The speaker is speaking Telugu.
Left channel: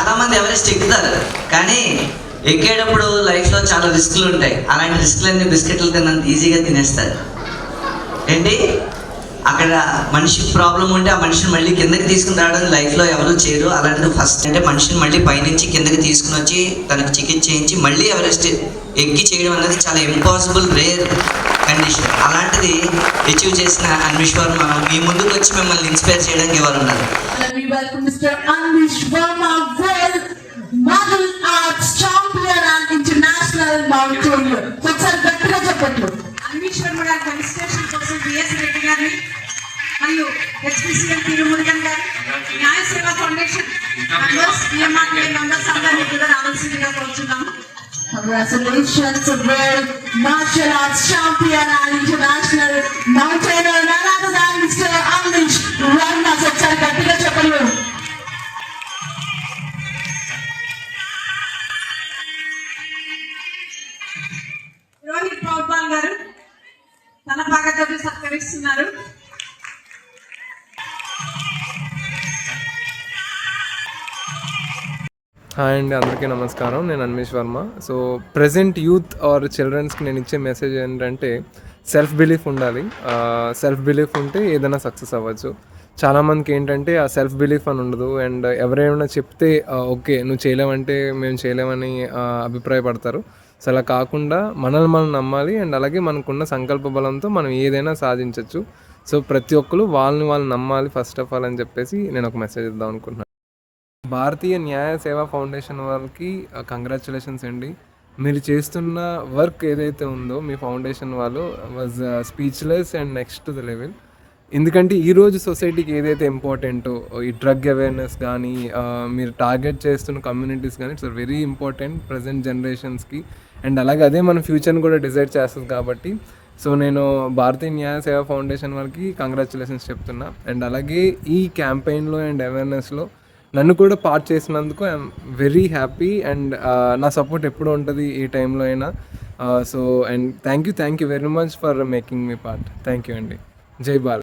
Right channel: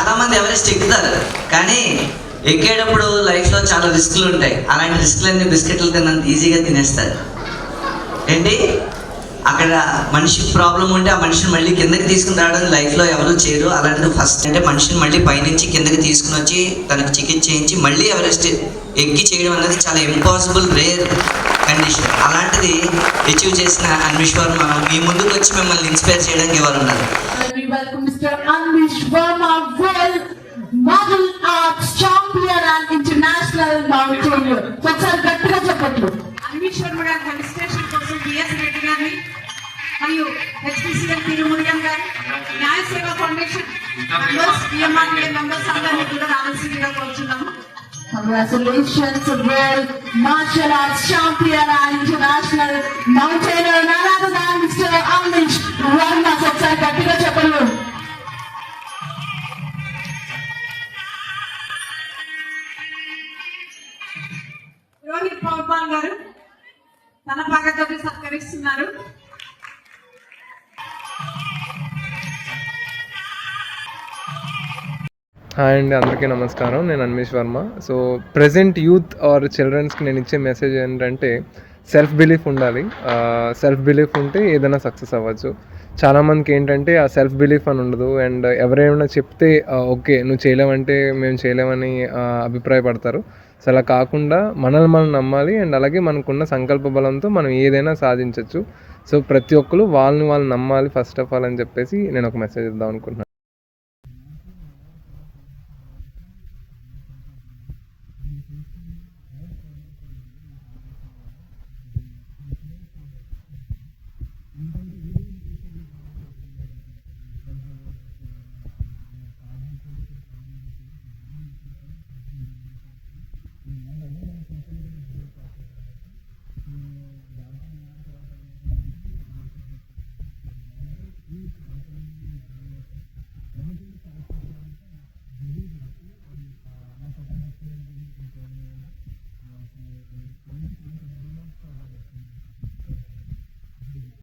చాలామంది ఎవరెస్ట్ ఎక్కుతారు, కానీ ఎక్కేటప్పుడు లైఫ్లో చాలా రిస్కులు ఉంటాయి. అలాంటి రిస్కులన్నీ బిస్కెట్లు తిన్నంత ఈజీగా తినేస్తారు. ఏంటి, అక్కడ మనిషి ప్రాబ్లం ఉంటే ఆ మనిషిని మళ్ళీ కిందకి తీసుకుని రావడం లైఫ్లో ఎవరు చేయరు. అలాంటిది ఫస్ట్ అంటే మనిషిని మళ్ళీ పైనుంచి కిందకి తీసుకుని వచ్చి తనకు చికిత్స చేయించి మళ్ళీ ఎవరెస్ట్ ఎక్కి చేయడం అనేది చాలా ఇంపాసిబుల్, రేర్ కండిషన్. అలాంటిది అచీవ్ చేసిన అన్విష్ వర్మ మీ ముందుకు వచ్చి మిమ్మల్ని ఇన్స్పైర్ చేయడానికి ఎవరు ఉన్నారు? మరియు హెచ్పిసిఎల్ తిరుమురుగన్ గారు, న్యాయ సేవా ఫౌండేషన్ మెంబర్స్ అందరినీ కూడా రావాల్సిందిగా కోరుచున్నాము. Congratulations to world martial arts champion and international mountaineer, none other than Mr. Anish Verma. Sachai గట్టిగా చెప్పండి. రోహిత్ పౌర్పాల్ గారు తన భాగతోటి సత్కరిస్తున్నారు. హాయ్ అండి, అందరికీ నమస్కారం. నేను Anvesh Varma. So present youth or చిల్డ్రన్స్కి నేను ఇచ్చే మెసేజ్ ఏంటంటే సెల్ఫ్ బిలీఫ్ ఉండాలి. సెల్ఫ్ బిలీఫ్ ఉంటే ఏదైనా సక్సెస్ అవ్వచ్చు. చాలామందికి ఏంటంటే ఆ సెల్ఫ్ బిలీఫ్ అని ఉండదు. అండ్ ఎవరైనా చెప్తే ఓకే నువ్వు చేయలేమంటే మేము చేయలేమని అభిప్రాయపడతారు. సో అలా కాకుండా మనల్ని మనం నమ్మాలి. అండ్ అలాగే మనకున్న సంకల్ప బలంతో మనం ఏదైనా సాధించవచ్చు. సో ప్రతి ఒక్కరు వాళ్ళని వాళ్ళు నమ్మాలి ఫస్ట్ ఆఫ్ ఆల్ అని చెప్పేసి నేను ఒక మెసేజ్ ఇద్దాం అనుకుంటున్నాను. భారతీయ న్యాయ సేవా ఫౌండేషన్ వాళ్ళకి కంగ్రాచులేషన్స్ అండి. మీరు చేస్తున్న వర్క్ ఏదైతే ఉందో మీ ఫౌండేషన్ వాళ్ళు was speechless and next to the level. ఎందుకంటే ఈరోజు సొసైటీకి ఏదైతే ఇంపార్టెంటో ఈ డ్రగ్ అవేర్నెస్ కానీ మీరు టార్గెట్ చేస్తున్న కమ్యూనిటీస్ కానీ ఇట్స్ వెరీ ఇంపార్టెంట్ ప్రజెంట్ జనరేషన్స్కి. అండ్ అలాగే అదే మన ఫ్యూచర్ని కూడా డిసైడ్ చేస్తుంది కాబట్టి సో నేను భారతీయ న్యాయ సేవా ఫౌండేషన్ వాళ్ళకి కంగ్రాచులేషన్స్ చెప్తున్నా. అండ్ అలాగే ఈ క్యాంపెయిన్లో అండ్ అవేర్నెస్లో నన్ను కూడా పార్ట్ చేసినందుకు ఐఎమ్ వెరీ హ్యాపీ. అండ్ నా సపోర్ట్ ఎప్పుడు ఉంటుంది ఏ టైంలో అయినా. So and thank you very much for making me part. Thank you అండి. జై భారత్.